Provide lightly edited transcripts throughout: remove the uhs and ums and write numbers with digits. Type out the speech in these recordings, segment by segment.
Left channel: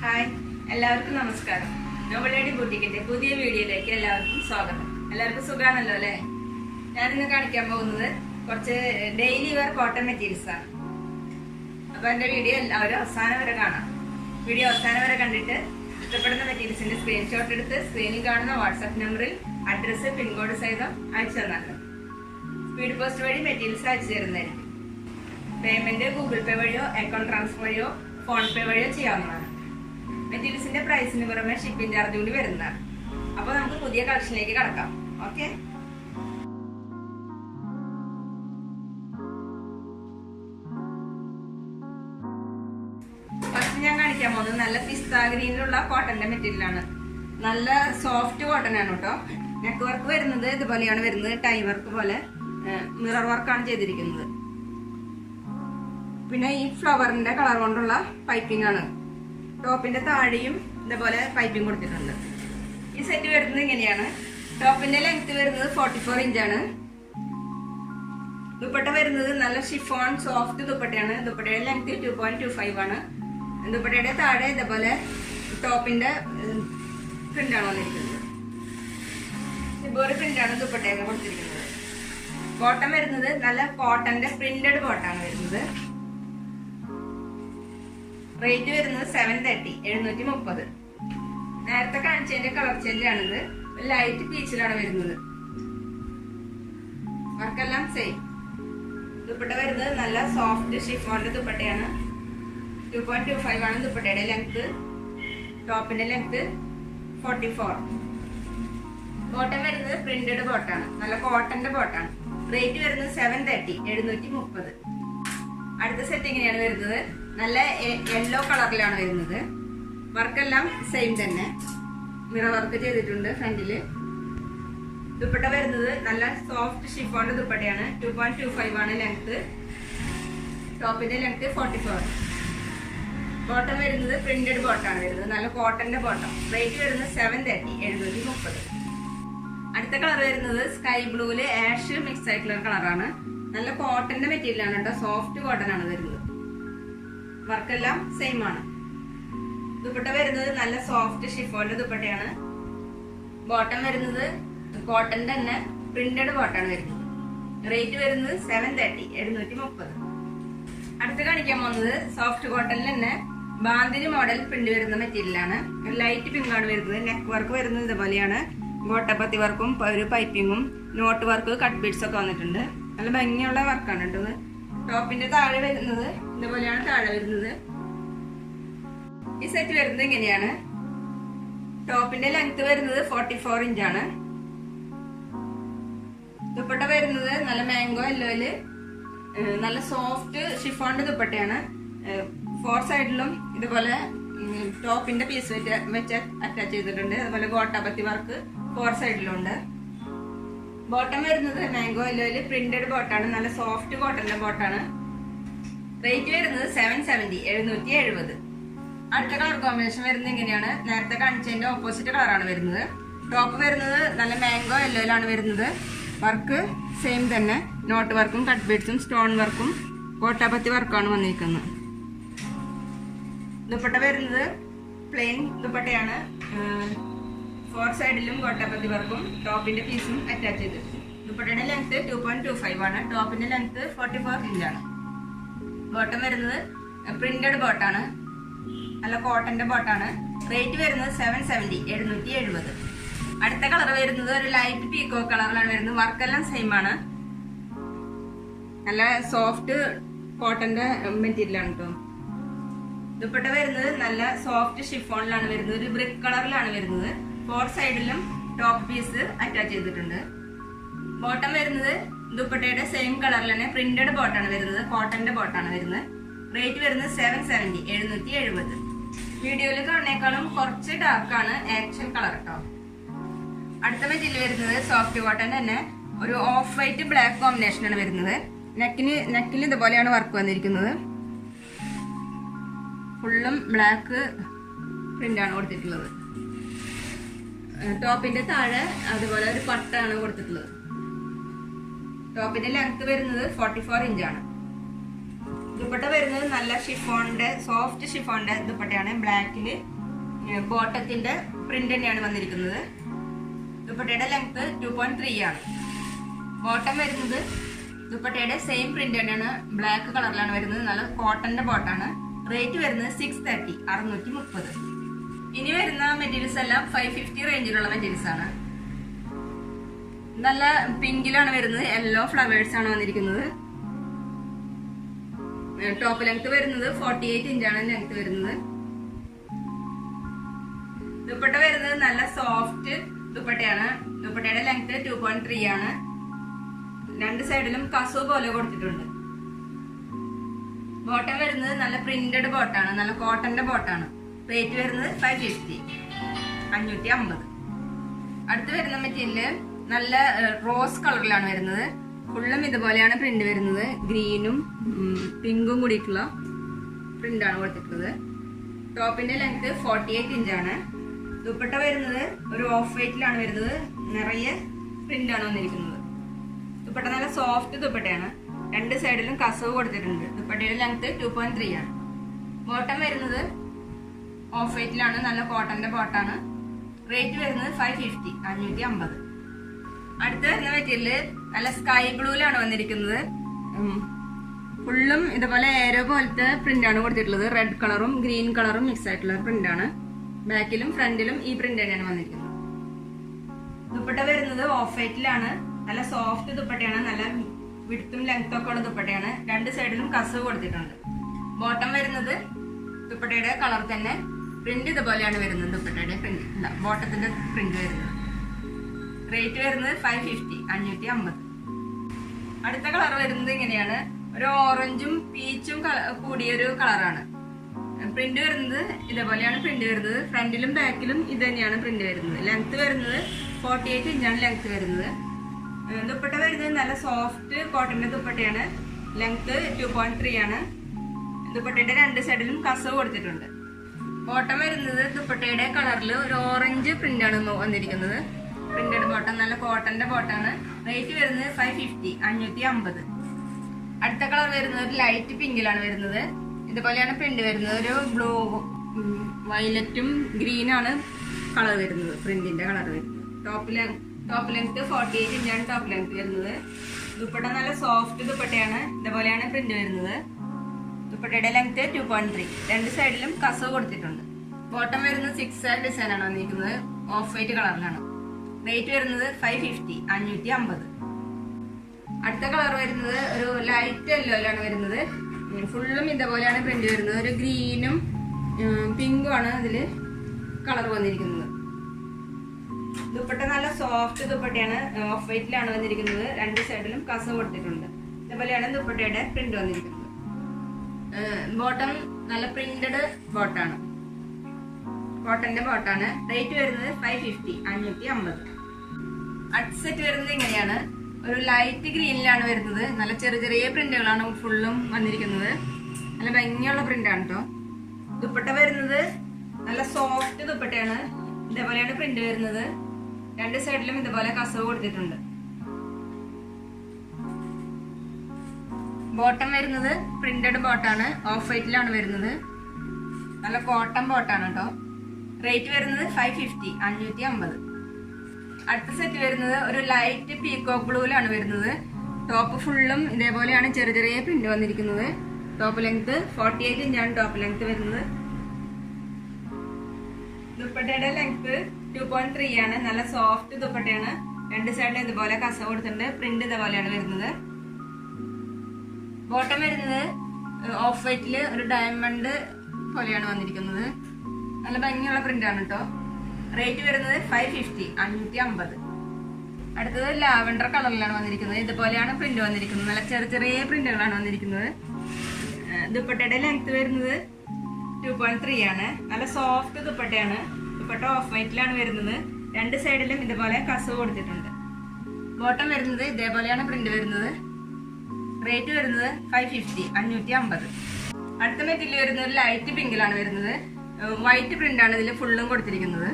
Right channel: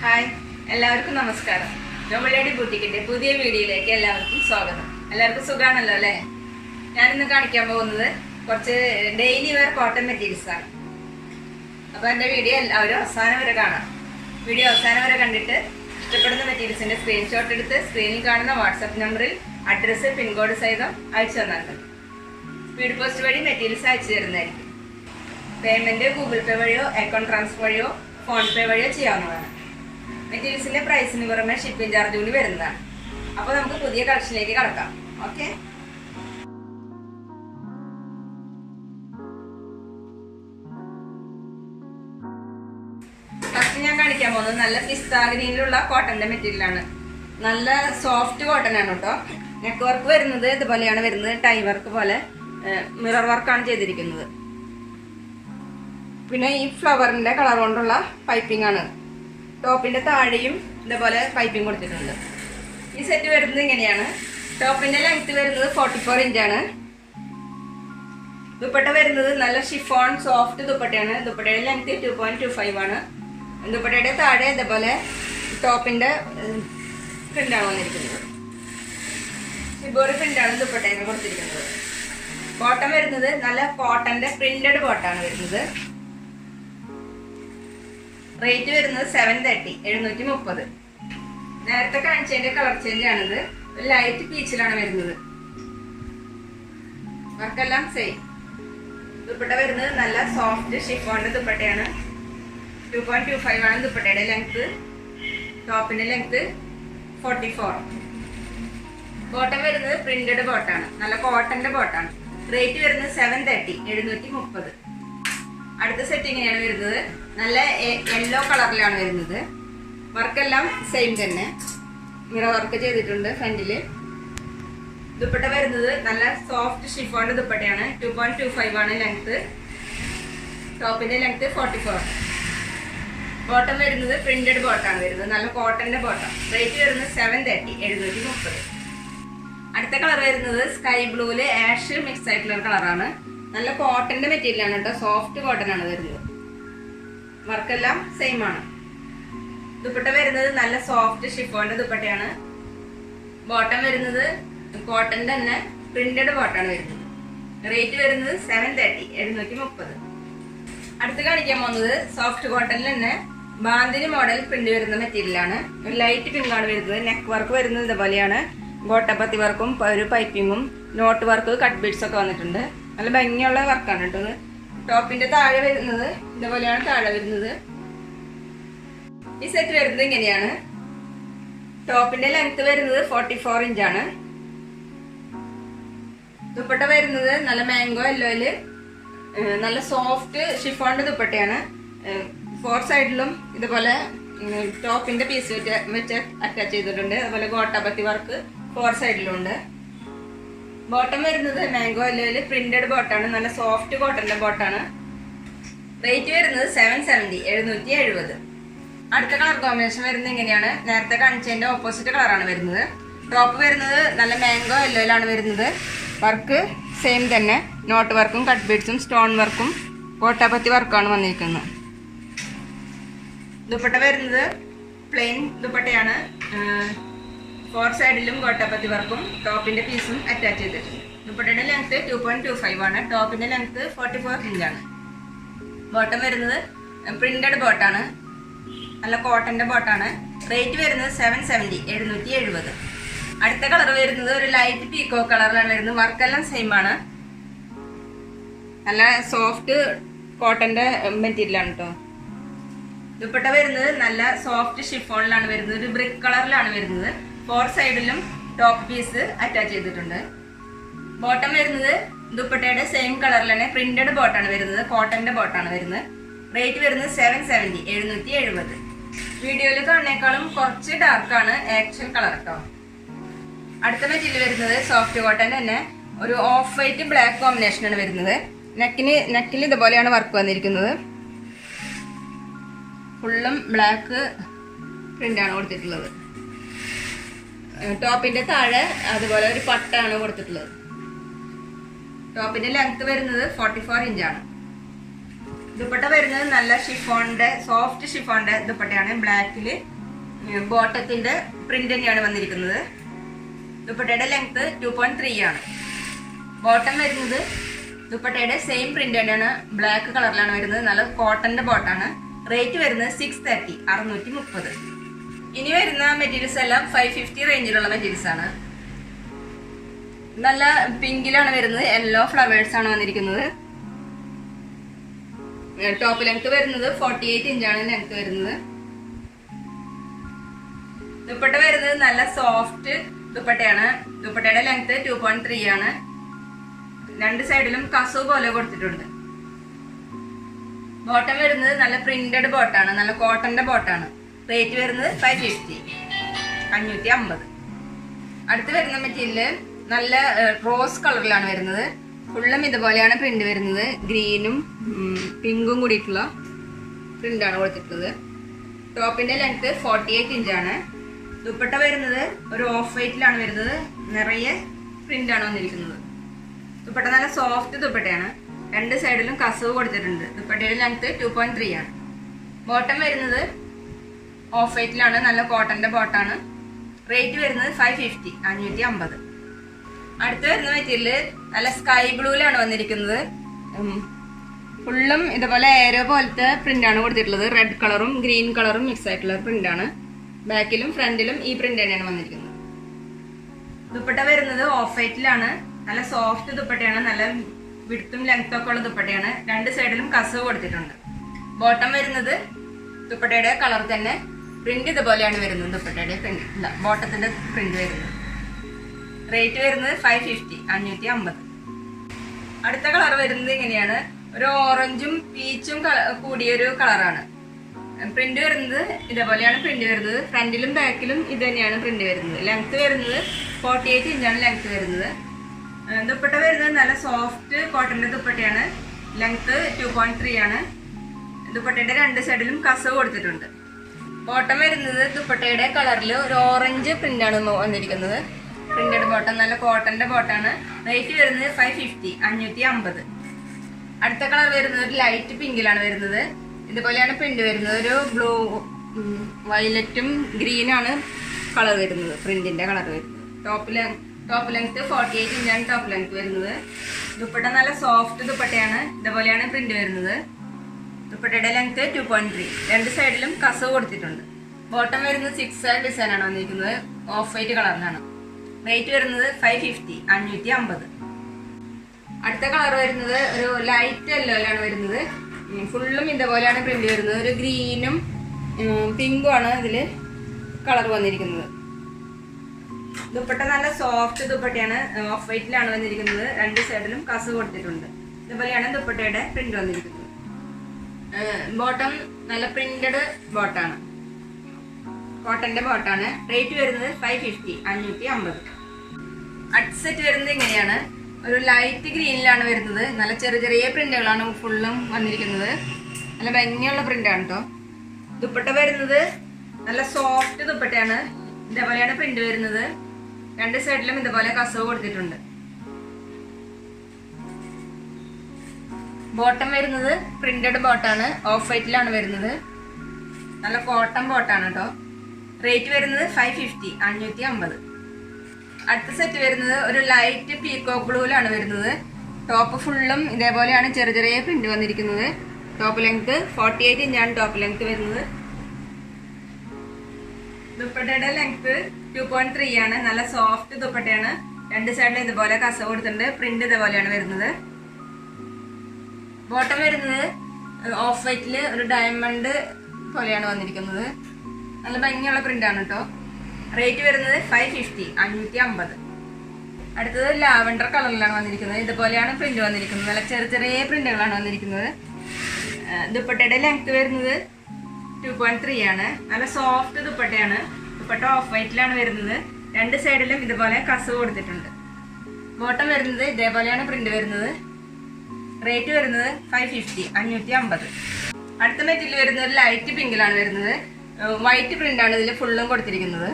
Hi, എല്ലാവർക്കും നമസ്കാരം. Nobel lady ബൂട്ടിക്കിന്റെ പുതിയ വീഡിയോയിലേക്ക് എല്ലാവർക്കും സ്വാഗതം. എല്ലാവർക്കും സുഖാണല്ലോ അല്ലേ? ഞാനിന്ന് കാണിക്കാൻ പോകുന്നത് കുറച്ച് ഡെയിലി വെയർ കോട്ടൺ മെറ്റീരിയൽസ് ആണ്. അപ്പോൾ എൻ്റെ വീഡിയോ എല്ലാവരും അവസാനം വരെ കാണാം. വീഡിയോ അവസാനം വരെ കണ്ടിട്ട് ഇഷ്ടപ്പെടുന്ന മെറ്റീരിയൽസിന്റെ സ്ക്രീൻഷോട്ട് എടുത്ത് സ്ക്രീനിൽ കാണുന്ന വാട്സാപ്പ് നമ്പറിൽ അഡ്രസ്സ് പിൻകോഡ് സഹിതം അയച്ചു തന്നിട്ടുണ്ട്. സ്പീഡ് പോസ്റ്റ് വഴി മെറ്റീരിയൽസ് അയച്ചു തരുന്നതായിരിക്കും. പേയ്മെന്റ് ഗൂഗിൾ പേ വഴിയോ അക്കൗണ്ട് ട്രാൻസ്ഫർ വഴിയോ ഫോൺ പേ വഴിയോ ചെയ്യാവുന്നതാണ്. മെറ്റീരിയൽസിന്റെ പ്രൈസിന് പുറമെ ഷിപ്പിംഗ് ചാർജ് കൂടി വരുന്നതാണ്. അപ്പോൾ നമുക്ക് പുതിയ കളക്ഷനിലേക്ക് കടക്കാം. ഓക്കെ, ഫസ്റ്റ് ഞാൻ കാണിക്കാൻ പോകുന്നത് നല്ല പിസ്ത ഗ്രീനിലുള്ള കോട്ടന്റെ മെറ്റീരിയലാണ്. നല്ല സോഫ്റ്റ് കോട്ടൺ ആണ് കേട്ടോ. നെക്ക് വർക്ക് വരുന്നത് ഇതുപോലെയാണ് വരുന്നത്. ടൈ വർക്ക് പോലെ മിറർ വർക്കാണ് ചെയ്തിരിക്കുന്നത്. പിന്നെ ഈ ഫ്ലവറിന്റെ കളർ കൊണ്ടുള്ള പൈപ്പിംഗ് ആണ്. ടോപ്പിന്റെ താഴെയും ഇതേപോലെ പൈപ്പിംഗ് കൊടുത്തിട്ടുണ്ട്. ഈ സെറ്റ് വരുന്നത് ഇങ്ങനെയാണ്. ടോപ്പിന്റെ ലെങ്ത് വരുന്നത് 44 ഇഞ്ചാണ്. ദുപ്പട്ട വരുന്നത് നല്ല ഷിഫോൺ സോഫ്റ്റ് ദുപ്പട്ടയാണ്. ദുപ്പട്ടയുടെ ലെങ്ത് 2.25 ആണ്. ദുപ്പട്ടയുടെ താഴെ ഇതേപോലെ ടോപ്പിന്റെ പ്രിന്റാണ് വന്നിരിക്കുന്നത്. ഷിബോറി പ്രിന്റാണ് ദുപ്പട്ടയിൽ കൊടുത്തിരിക്കുന്നത്. ബോട്ടം വരുന്നത് നല്ല കോട്ടന്റെ പ്രിന്റഡ് ബോട്ടാണ് വരുന്നത്. റേറ്റ് വരുന്നത് 730, 730. നേരത്തെ കാണിച്ചതിന്റെ കളർ ചേഞ്ച് ആണിത്. ഒരു ലൈറ്റ് പീച്ചിലാണ് വരുന്നത്. വർക്കെല്ലാം സെയിം. ദുപ്പട്ട വരുന്നത് നല്ല സോഫ്റ്റ് ഷിഫോണിന്റെ ദുപ്പട്ടയാണ്. 2.25 ആണ് ദുപ്പട്ടയുടെ ലെങ്ത്. ടോപ്പിന്റെ ലെങ്ത് 44. ബോട്ടം വരുന്നത് പ്രിന്റഡ് ബോട്ടാണ്. നല്ല കോട്ടന്റെ ബോട്ടാണ്. റേറ്റ് വരുന്നത് 730, 730. അടുത്ത സെറ്റ് ഇങ്ങനെയാണ് വരുന്നത്. നല്ല യെല്ലോ കളറിലാണ് വരുന്നത്. വർക്കെല്ലാം സെയിം തന്നെ. മിറർ വർക്ക് ചെയ്തിട്ടുണ്ട് ഫ്രണ്ടില്. ദുപ്പട്ട വരുന്നത് നല്ല സോഫ്റ്റ് ഷിഫോണിന്റെ ദുപ്പട്ടയാണ്. 2.25 ആണ് ലെങ്ത്. ടോപ്പിന്റെ ലെങ്ത് 44. ബോട്ടം വരുന്നത് പ്രിന്റഡ് ബോട്ടാണ് വരുന്നത്. നല്ല കോട്ടന്റെ ബോട്ടം. റേറ്റ് വരുന്നത് 730, 730. അടുത്ത കളർ വരുന്നത് സ്കൈ ബ്ലൂവില് ആഷ് മിക്സ് ആയിട്ടുള്ള കളറാണ്. നല്ല കോട്ടന്റെ മെറ്റീരിയൽ ആണ് കേട്ടോ. സോഫ്റ്റ് കോട്ടൺ ആണ് വരുന്നത്. വർക്കെല്ലാം സെയിം ആണ്. ദുപ്പട്ട വരുന്നത് നല്ല സോഫ്റ്റ് ഷിഫോണിന്റെ ദുപ്പട്ടയാണ്. ബോട്ടം വരുന്നത് കോട്ടൺ തന്നെ പ്രിന്റഡ് ബോട്ടാണ് വരുന്നത്. റേറ്റ് വരുന്നത് 730, 730. അടുത്ത് കാണിക്കാൻ പോകുന്നത് സോഫ്റ്റ് കോട്ടണിൽ തന്നെ ബാന്തിനി മോഡൽ പ്രിന്റ് വരുന്ന മെറ്റീരിയലാണ്. ഒരു ലൈറ്റ് പിങ്ക് ആണ് വരുന്നത്. നെക്ക് വർക്ക് വരുന്നത് ഇതുപോലെയാണ്. ഗോട്ടപ്പത്തി വർക്കും ഒരു പൈപ്പിങ്ങും നോട്ട് വർക്ക് കട്ട് ബീഡ്സ് ഒക്കെ വന്നിട്ടുണ്ട്. നല്ല ഭംഗിയുള്ള വർക്കാണ് കേട്ടത്. ടോപ്പിന്റെ താഴെ വരുന്നത് ഇതുപോലെയാണ് താഴെ വരുന്നത്. ഈ സെറ്റ് വരുന്നത് ഇങ്ങനെയാണ്. ടോപ്പിന്റെ ലെങ്ത് വരുന്നത് 44 ഇഞ്ചാണ്. ദുപ്പട്ട വരുന്നത് നല്ല മാംഗോ യെല്ലോയില് നല്ല സോഫ്റ്റ് ഷിഫോണിന്റെ ദുപ്പട്ടയാണ്. 4 സൈഡിലും ഇതുപോലെ ടോപ്പിന്റെ പീസ് വെച്ച് അറ്റാച്ച് ചെയ്തിട്ടുണ്ട്. അതുപോലെ ഗോട്ടാപത്തി വർക്ക് 4 സൈഡിലും ഉണ്ട്. ബോട്ടം വരുന്നത് മാംഗോ യെല്ലോയില് പ്രിന്റഡ് ബോട്ടാണ്. നല്ല സോഫ്റ്റ് കോട്ടന്റെ ബോട്ടാണ്. റേറ്റ് വരുന്നത് 770, 770. അടുത്ത കളർ കോമ്പിനേഷൻ വരുന്നത് ഇങ്ങനെയാണ്. നേരത്തെ കാണിച്ചതിന്റെ ഓപ്പോസിറ്റ് കളറാണ് വരുന്നത്. ടോപ്പ് വരുന്നത് നല്ല മാംഗോ യെല്ലോയിലാണ് വരുന്നത്. വർക്ക് സെയിം തന്നെ. നോട്ട് വർക്കും കട്ട് ബീഡ്സും സ്റ്റോൺ വർക്കും കോട്ടാപത്തി വർക്കാണ് വന്നിരിക്കുന്നത്. ദുപ്പട്ട വരുന്നത് പ്ലെയിൻ ദുപ്പട്ടയാണ്. 4 സൈഡിലും ഗോട്ടാപത്തി വർക്കും ടോപ്പിന്റെ പീസും അറ്റാച്ച് ചെയ്തിട്ടുണ്ട്. ദുപ്പട്ടയുടെ ലെങ്ത് 2.25 ആണ്. ടോപ്പിന്റെ ലെങ്ത് 44 ഇഞ്ചാണ്. ബോട്ടം വരുന്നത് പ്രിന്റഡ് ബോട്ടാണ്. നല്ല കോട്ടന്റെ ബോട്ടാണ്. റേറ്റ് വരുന്നത് 770, 770. അടുത്ത കളർ വരുന്നത് ഒരു ലൈറ്റ് പീക്കോ കളറിലാണ് വരുന്നത്. വർക്കെല്ലാം സെയിം ആണ്. നല്ല സോഫ്റ്റ് കോട്ടന്റെ മെറ്റീരിയലാണ് കേട്ടോ. ദുപ്പട്ട വരുന്നത് നല്ല സോഫ്റ്റ് ഷിഫോണിലാണ് വരുന്നത്. ഒരു ബ്രിക്ക് കളറിലാണ് വരുന്നത്. 4 സൈഡിലും ടോപ്പ് പീസ് അറ്റാച്ച് ചെയ്തിട്ടുണ്ട്. ബോട്ടം വരുന്നത് ദുപ്പട്ടയുടെ സെയിം കളറിൽ തന്നെ പ്രിന്റഡ് ബോട്ടാണ് വരുന്നത്. കോട്ടന്റെ ബോട്ടാണ് വരുന്നത്. റേറ്റ് വരുന്നത് 770, 770. വീഡിയോയിൽ കാണുന്നേക്കാളും കുറച്ച് ഡാർക്കാണ് ആക്ച്വൽ കളർ കേട്ടോ. അടുത്ത മെറ്റീരിയൽ വരുന്നത് സോഫ്റ്റ് കോട്ടൺ തന്നെ ഒരു ഓഫ് വൈറ്റ് ബ്ലാക്ക് കോമ്പിനേഷനാണ് വരുന്നത്. നെക്കിൽ ഇതുപോലെയാണ് വർക്ക് വന്നിരിക്കുന്നത്. ഫുള്ളും ബ്ലാക്ക് പ്രിന്റാണ് കൊടുത്തിട്ടുള്ളത്. ടോപ്പിന്റെ താഴെ അതുപോലെ ഒരു പട്ടാണ് കൊടുത്തിട്ടുള്ളത്. ടോപ്പിന്റെ ലെങ്ത് വരുന്നത് 44 ഇഞ്ചാണ്. ദുപ്പട്ട വരുന്നത് നല്ല ഷിഫോണിന്റെ സോഫ്റ്റ് ഷിഫോണിന്റെ ദുപ്പട്ടയാണ്. ബ്ലാക്കിൽ ബോട്ടത്തിന്റെ പ്രിന്റ് തന്നെയാണ് വന്നിരിക്കുന്നത്. ദുപ്പട്ടയുടെ ലെങ്ത് 2.3 ആണ്. ബോട്ടം വരുന്നത് ദുപ്പട്ടയുടെ സെയിം പ്രിന്റ് തന്നെയാണ്, ബ്ലാക്ക് കളറിലാണ് വരുന്നത്. നല്ല കോട്ടന്റെ ബോട്ടാണ്. റേറ്റ് വരുന്നത് 630 630. ഇനി വരുന്ന മെറ്റീരിയൽസ് എല്ലാം 550 റേഞ്ചിലുള്ള മെറ്റീരിയൽസ് ആണ്. നല്ല പിങ്കിലാണ് വരുന്നത്. യെല്ലോ ഫ്ലവേഴ്സ് ആണ് വന്നിരിക്കുന്നത്. ടോപ്പ് ലെങ്ത് വരുന്നത് 48 ഇഞ്ചാണ് ലെങ്ത് വരുന്നത്. ദുപ്പട്ട വരുന്നത് നല്ല സോഫ്റ്റ് ദുപ്പട്ടയാണ്. ദുപ്പട്ടയുടെ ലെങ്ത് 2.3 ആണ്. രണ്ട് സൈഡിലും കസു പോലെ കൊടുത്തിട്ടുണ്ട്. ബോട്ടം വരുന്നത് നല്ല പ്രിന്റഡ് ബോട്ടാണ്, നല്ല കോട്ടന്റെ ബോട്ടാണ്. റേറ്റ് വരുന്നത് 550 550. അടുത്ത് വരുന്ന മെറ്റീരിയല് നല്ല റോസ് കളറിലാണ് വരുന്നത്. ഫുള്ളും ഇതുപോലെയാണ് പ്രിന്റ് വരുന്നത്. ഗ്രീനും പിങ്കും കൂടിയിട്ടുള്ള പ്രിന്റാണ് കൊടുത്തിട്ടുള്ളത്. ടോപ്പിന്റെ ലെങ്ത് 48 ഇഞ്ചാണ്. ദുപ്പട്ട വരുന്നത് ഒരു ഓഫ് വൈറ്റിലാണ് വരുന്നത്. നിറയെ പ്രിന്റാണ് വന്നിരിക്കുന്നത്. ദുപ്പട്ട നല്ല സോഫ്റ്റ് ദുപ്പട്ടയാണ്. രണ്ട് സൈഡിലും കസവ് കൊടുത്തിട്ടുണ്ട്. ദുപ്പട്ടയുടെ ലെങ്ത് 2.3 ആണ്. ബോട്ടം വരുന്നത് ഓഫ് വൈറ്റിലാണ്, നല്ല കോട്ടന്റെ ബോട്ടാണ്. റേറ്റ് വരുന്നത് 550 550. അടുത്ത് വരുന്ന മെറ്റീരിയല് നല്ല സ്കൈ ബ്ലൂയിലാണ് വന്നിരിക്കുന്നത്. ഫുള്ളും ഇതുപോലെ ഏരോ പോലത്തെ പ്രിന്റാണ് കൊടുത്തിട്ടുള്ളത്. റെഡ് കളറും ഗ്രീൻ കളറും മിക്സ് ആയിട്ടുള്ള പ്രിന്റാണ്. ബാക്കിലും ഫ്രണ്ടിലും ഈ പ്രിന്റ് തന്നെയാണ് വന്നിരിക്കുന്നത്. ദുപ്പട്ട വരുന്നത് ഓഫ് വൈറ്റിലാണ്. നല്ല സോഫ്റ്റ് ദുപ്പട്ടയാണ്. നല്ല വിടുത്തും ലെങ്ത്തും ഒക്കെ ഉള്ള ദുപ്പട്ടയാണ്. രണ്ട് സൈഡിലും കസവ് കൊടുത്തിട്ടുണ്ട്. ബോട്ടം വരുന്നത് ദുപ്പട്ടയുടെ കളർ തന്നെ. പ്രിന്റ് ഇതുപോലെയാണ് വരുന്നത്. ദുപ്പട്ടയുടെ പ്രിന്റ് ബോട്ടത്തിന്റെ പ്രിന്റ് വരുന്നത്. റേറ്റ് വരുന്നത് 550 550. അടുത്ത കളർ വരുന്നത് ഇങ്ങനെയാണ്. ഒരു ഓറഞ്ചും പീച്ചും കൂടിയൊരു കളറാണ്. പ്രിന്റ് വരുന്നത് ഇതേപോലെയാണ് പ്രിന്റ് വരുന്നത്. ഫ്രണ്ടിലും ബാക്കിലും ഇത് തന്നെയാണ് പ്രിന്റ് വരുന്നത്. ലെങ്ത് വരുന്നത് 48 ഇഞ്ചാണ് ലെങ്ത് വരുന്നത്. ദുപ്പട്ട വരുന്നത് നല്ല സോഫ്റ്റ് കോട്ടന്റെ ദുപ്പട്ടയാണ്. ലെങ്ത് 2.3 ആണ്. ദുപ്പട്ടയുടെ രണ്ട് സൈഡിലും കസവ് കൊടുത്തിട്ടുണ്ട്. ബോട്ടം വരുന്നത് ദുപ്പട്ടയുടെ കളറിൽ ഒരു ഓറഞ്ച് പ്രിന്റാണ് വന്നിരിക്കുന്നത്. പ്രിന്റഡ് ബോട്ടം, നല്ല കോട്ടന്റെ ബോട്ടാണ്. റേറ്റ് വരുന്നത് 550 550. അടുത്ത കളർ വരുന്നത് ഒരു ലൈറ്റ് പിങ്കിലാണ് വരുന്നത്. ഇതുപോലെയാണ് പ്രിന്റ് വരുന്നത്. ഒരു ബ്ലൂ വയലറ്റും ഗ്രീനാണ് കളർ വരുന്നത്. പ്രിന്റിന്റെ കളർ വരുന്നത്. ടോപ്പ് ലെങ്ത് 48 ഇഞ്ചാണ് ടോപ്പ് ലെങ്ത് വരുന്നത്. ദുപ്പട്ട നല്ല സോഫ്റ്റ് ദുപ്പട്ടയാണ്. ഇതുപോലെയാണ് പ്രിന്റ് വരുന്നത്. ദുപ്പട്ടയുടെ ലെങ്ത് 2.3. രണ്ട് സൈഡിലും കസവ് കൊടുത്തിട്ടുണ്ട്. ബോട്ടം വരുന്നത് 6 ഡിസൈൻ ആണ് വന്നിരിക്കുന്നത്. ഓഫ് വൈറ്റ് കളറിലാണ്. റേറ്റ് വരുന്നത് 550 550. അടുത്ത കളർ വരുന്നത് ഒരു ലൈറ്റ് യെല്ലോയിലാണ് വരുന്നത്. ഫുള്ളും ഇതുപോലെയാണ് പ്രിന്റ് വരുന്നത്. ഒരു ഗ്രീനും പിങ്കും ആണ് ഇതിൽ കളർ വന്നിരിക്കുന്നത്. ദുപ്പട്ട നല്ല സോഫ്റ്റ് ദുപ്പട്ടയാണ്. ഓഫ് വൈറ്റിലാണ് വന്നിരിക്കുന്നത്. രണ്ട് സൈഡിലും കസവ് കൊടുത്തിട്ടുണ്ട്. ഇതുപോലെയാണ് ദുപ്പട്ടയുടെ പ്രിന്റ് വന്നിരിക്കുന്നത്. ബോട്ടം നല്ല പ്രിന്റഡ് ബോട്ടാണ്, കോട്ടന്റെ ബോട്ടാണ്. റേറ്റ് വരുന്നത് 550 550. അടുത്ത സെറ്റ് വരുന്നത് ഇങ്ങനെയാണ്. ഒരു ലൈറ്റ് ഗ്രീനിലാണ് വരുന്നത്. നല്ല ചെറിയ ചെറിയ പ്രിന്റുകളാണ് ഫുള്ളും വന്നിരിക്കുന്നത്. നല്ല ഭംഗിയുള്ള പ്രിന്റാണ് കേട്ടോ. ദുപ്പട്ട വരുന്നത് നല്ല സോഫ്റ്റ് ദുപ്പട്ടയാണ്. ഇതേപോലെയാണ് പ്രിന്റ് വരുന്നത്. രണ്ട് സൈഡിലും ഇതുപോലെ കസവ് കൊടുത്തിട്ടുണ്ട്. ബോട്ടം വരുന്നത് പ്രിന്റഡ് ബോട്ടാണ്. ഓഫ് വൈറ്റിലാണ് വരുന്നത്. നല്ല കോട്ടൺ ബോട്ടാണ് കേട്ടോ. റേറ്റ് വരുന്നത് 550 550. അടുത്ത സെറ്റ് വരുന്നത് ഒരു ലൈറ്റ് പീകോക്ക് ബ്ലൂയിലാണ് വരുന്നത്. ടോപ്പ് ഫുള്ളും ഇതേപോലെയാണ് ചെറിയ ചെറിയ പ്രിന്റ് വന്നിരിക്കുന്നത്. ടോപ്പ് ലെങ്ത് 48 ഇഞ്ചാണ് ടോപ്പ് ലെങ്ത് വരുന്നത്. ദുപ്പട്ടയുടെ ലെങ്ത് 2.3 ആണ്. നല്ല സോഫ്റ്റ് ദുപ്പട്ടയാണ്. രണ്ട് സൈഡിലും ഇതുപോലെ കസവ് കൊടുത്തിട്ടുണ്ട്. പ്രിന്റ് ഇതേപോലെയാണ് വരുന്നത്. ബോട്ടം വരുന്നത് ഓഫ് വൈറ്റിൽ ഒരു ഡയമണ്ട് പോലെയാണ് വന്നിരിക്കുന്നത്. നല്ല ഭംഗിയുള്ള പ്രിന്റാണ് കേട്ടോ. റേറ്റ് വരുന്നത് 550 550. അടുത്തത് ലാവൻഡർ കളറിലാണ് വന്നിരിക്കുന്നത്. ഇതുപോലെയാണ് പ്രിന്റ് വന്നിരിക്കുന്നത്. നല്ല ചെറിയ ചെറിയ പ്രിന്റുകളാണ് വന്നിരിക്കുന്നത്. ദുപ്പട്ടയുടെ ലെങ്ത് വരുന്നത് 2.3 ആണ്. നല്ല സോഫ്റ്റ് ദുപ്പട്ടയാണ്. ദുപ്പട്ട ഓഫ് വൈറ്റിലാണ് വരുന്നത്. രണ്ട് സൈഡിലും ഇതുപോലെ കസവ് കൊടുത്തിട്ടുണ്ട്. ബോട്ടം വരുന്നത് ഇതേപോലെയാണ് പ്രിന്റ് വരുന്നത്. റേറ്റ് വരുന്നത് 550 550. അടുത്ത മെറ്റീരിയൽ വരുന്നത് ഒരു ലൈറ്റ് പിങ്കിലാണ് വരുന്നത്. വൈറ്റ് പ്രിന്റാണ് ഇതിൽ ഫുള്ളും കൊടുത്തിരിക്കുന്നത്.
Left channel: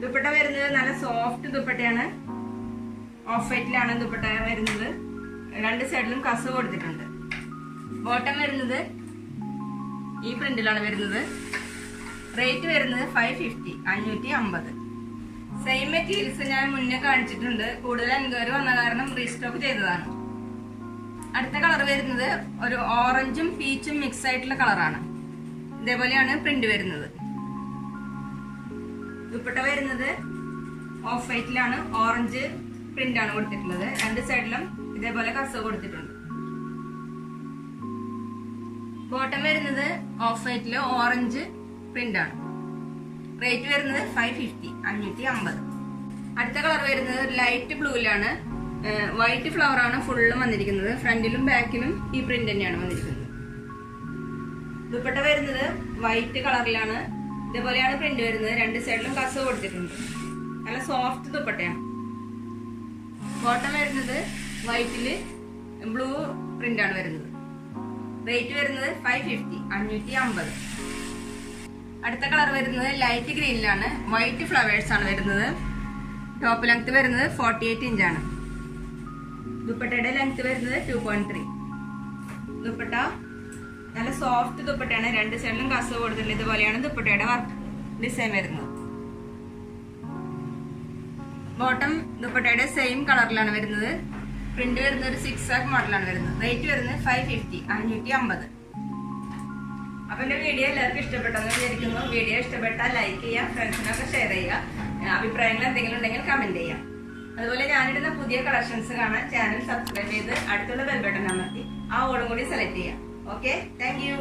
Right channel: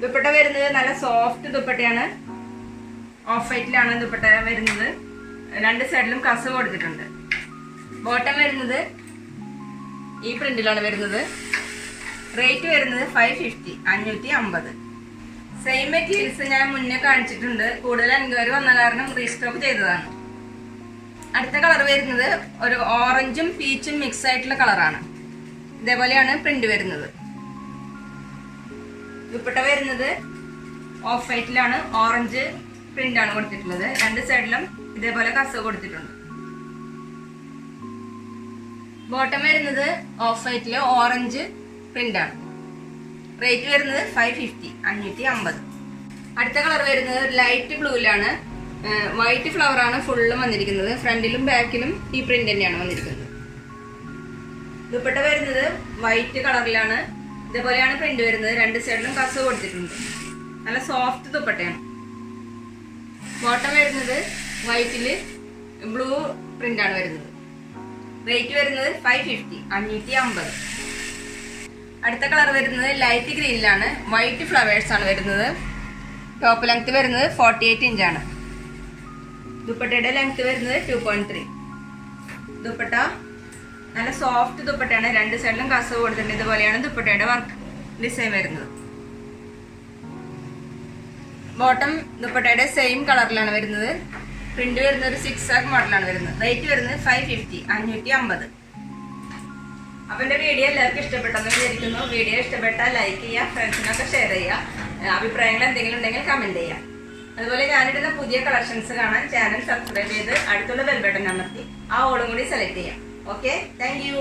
ദുപ്പട്ട വരുന്നത് നല്ല സോഫ്റ്റ് ദുപ്പട്ടയാണ്. ഓഫ് വൈറ്റിലാണ് ദുപ്പട്ട വരുന്നത്. രണ്ട് സൈഡിലും കസവ് കൊടുത്തിട്ടുണ്ട്. ബോട്ടം വരുന്നത് ഈ പ്രിന്റിലാണ് വരുന്നത്. റേറ്റ് വരുന്നത് 550, 550. സെയിം മെറ്റീരിയൽസ് ഞാൻ മുന്നേ കാണിച്ചിട്ടുണ്ട്. കൂടുതൽ എൻക്വയറി വന്ന കാരണം റീസ്റ്റോക്ക് ചെയ്തതാണ്. അടുത്ത കളർ വരുന്നത് ഒരു ഓറഞ്ചും പീച്ചും മിക്സ് ആയിട്ടുള്ള കളറാണ്. ഇതേപോലെയാണ് പ്രിന്റ് വരുന്നത്. ദുപ്പട്ട വരുന്നത് ഓഫ് വൈറ്റിലാണ്, ഓറഞ്ച് പ്രിന്റ് ആണ് കൊടുത്തിട്ടുള്ളത്. രണ്ട് സൈഡിലും ഇതേപോലെ കസവ് കൊടുത്തിട്ടുണ്ട്. ബോട്ടം വരുന്നത് ഓഫ് വൈറ്റില് ഓറഞ്ച് പ്രിന്റ് ആണ്. റേറ്റ് വരുന്നത് 550, 550. അടുത്ത കളർ വരുന്നത് ലൈറ്റ് ബ്ലൂവിലാണ്. വൈറ്റ് ഫ്ലവർ ആണ് ഫുള്ളും വന്നിരിക്കുന്നത്. ഫ്രണ്ടിലും ബാക്കിലും ഈ പ്രിന്റ് തന്നെയാണ് വന്നിരിക്കുന്നത്. ദുപ്പട്ട വരുന്നത് വൈറ്റ് കളറിലാണ്. ഇതേപോലെയാണ് പ്രിന്റ് വരുന്നത്. രണ്ട് സൈഡിലും കസവ് കൊടുത്തിട്ടുണ്ട്. നല്ല സോഫ്റ്റ് ദുപ്പട്ടയാണ്. ബോട്ടം വരുന്നത് വൈറ്റില് ബ്ലൂ പ്രിന്റ് ആണ് വരുന്നത്. റേറ്റ് വരുന്നത് 550, 550. അടുത്ത കളർ വരുന്നത് ലൈറ്റ് ഗ്രീനിലാണ്. വൈറ്റ് ഫ്ലവേഴ്സ് ആണ് വരുന്നത്. ടോപ്പ് ലെങ്ത് വരുന്നത് 48 ഇഞ്ചാണ്. ദുപ്പട്ടയുടെ ലെങ്ത് വരുന്നത് 2.3. ദുപ്പട്ട നല്ല സോഫ്റ്റ് ദുപ്പട്ടയാണ്. രണ്ട് സൈഡിലും കസവ് കൊടുത്തിട്ടുണ്ട്. ഇതുപോലെയാണ് ദുപ്പട്ടയുടെ വർക്ക് ഡിസൈൻ വരുന്നത്. ബോട്ടം ദുപ്പട്ടയുടെ സെയിം കളറിലാണ് വരുന്നത്. പ്രിന്റ് വരുന്നത് ഒരു 6 മോഡലാണ് വരുന്നത്. റേറ്റ് വരുന്നത് 550, 550. അപ്പം എൻ്റെ വീഡിയോ എല്ലാവർക്കും ഇഷ്ടപ്പെട്ടെന്ന് വിചാരിക്കുന്നു. വീഡിയോ ഇഷ്ടപ്പെട്ടാൽ ലൈക്ക് ചെയ്യുക, ഫ്രണ്ട്സിനൊക്കെ ഷെയർ ചെയ്യുക. അഭിപ്രായങ്ങൾ എന്തെങ്കിലും ഉണ്ടെങ്കിൽ കമൻറ്റ് ചെയ്യുക. അതുപോലെ ഞാനിടുന്ന പുതിയ കളക്ഷൻസ് കാണാൻ ചാനൽ സബ്സ്ക്രൈബ് ചെയ്ത് അടുത്തുള്ള ബെൽ ബട്ടൺ അമർത്തി ആ ഓളും കൂടി സെലക്ട് ചെയ്യാം. Okay, thank you.